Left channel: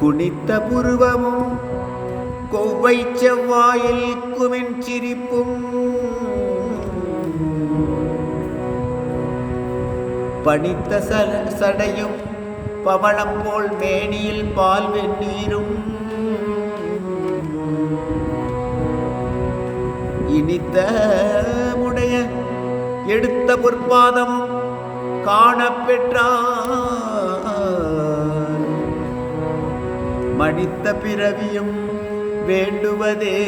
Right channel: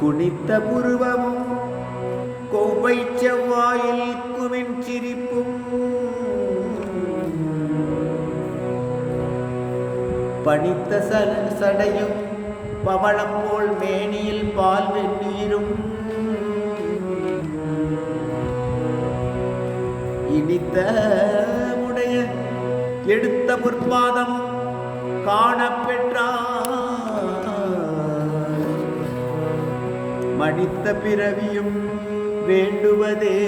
குனித்த புருவமும் கொவ்வை செவ்வாயில் குமின் சிரிப்பும் பணித்த சடையும் பவளம் போல் மேனியில் பால் வெந்நீரும் இனித்த முடைய எடுத்த பொற்பாதம் காணப்பெற்றார். மனித்த பிறவியும் வேண்டுவதே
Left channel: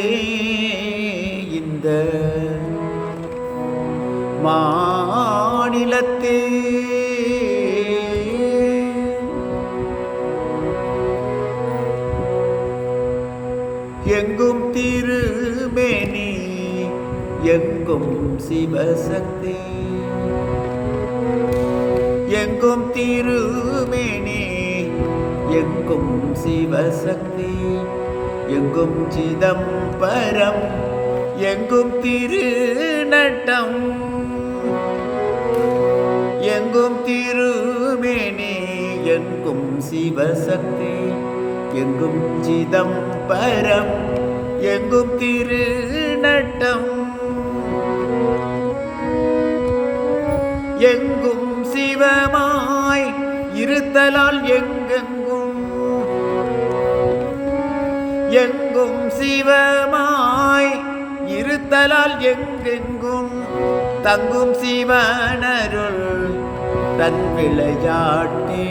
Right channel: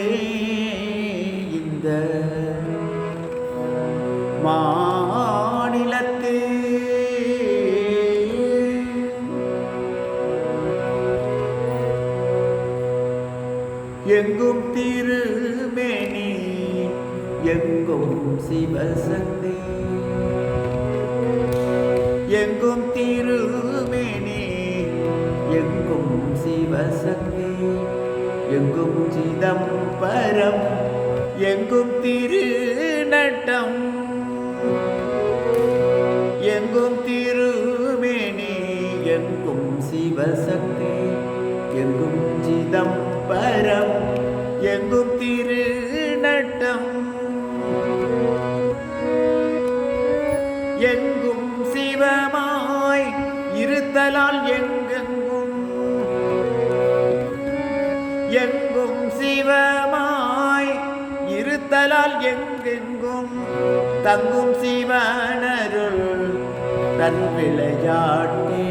இந்த மாநிலத்தே. எங்கும் திருமேனி எங்கும் சிவசக்தி, எங்கும் திருமேனி எங்கும் சிவசக்தி, எங்கும் சிதம்பரம் எங்கும் திருநட்டம், எங்கும் திருமேனி எங்கும் சிவசக்தி, எங்கும் சிதம்பரம் எங்கும் திருநட்டம், எங்கும் சிவமாய் இருத்தலால் எங்கெங்கும், எங்கும் சிவமாய் இருத்தலால் எங்கெங்கும் தங்கும் சிவனருள் தன் விளையாட்டே,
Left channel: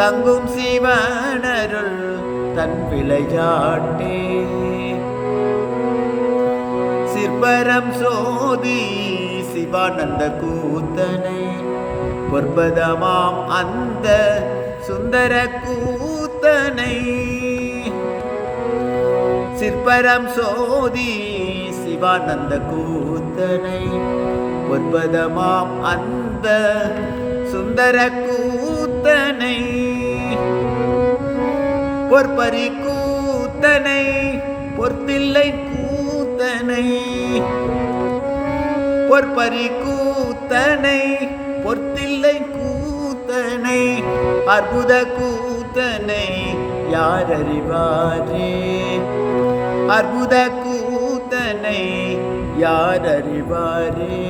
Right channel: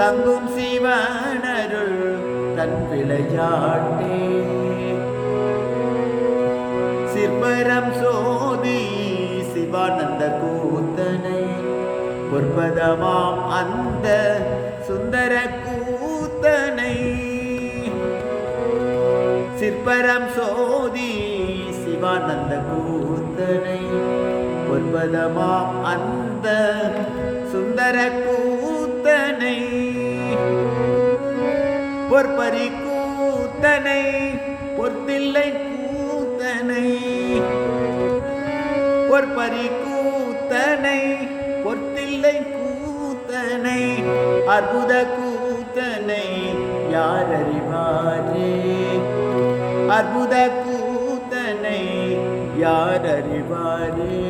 தங்கும் சிவனருள் தன் விளையாட்டே. சிற்பரம் சோதி சிவானந்த கூத்தனை பொற்பதமாம் அந்த சுந்தர கூத்தனை, சிற்பரம் சோதி சிவானந்த கூத்தனை பொற்பதமாம் அந்த சுந்தர கூத்தனை, பொற்பரி கூத்தனை பொற்தில்லை கூத்தனை, பொற்பரி கூத்தனை பொற்தில்லை கூத்தனை, அற்புத கூத்தனை யார் அறிவாரே, அற்புத கூத்தனை யார் அறிவாரே.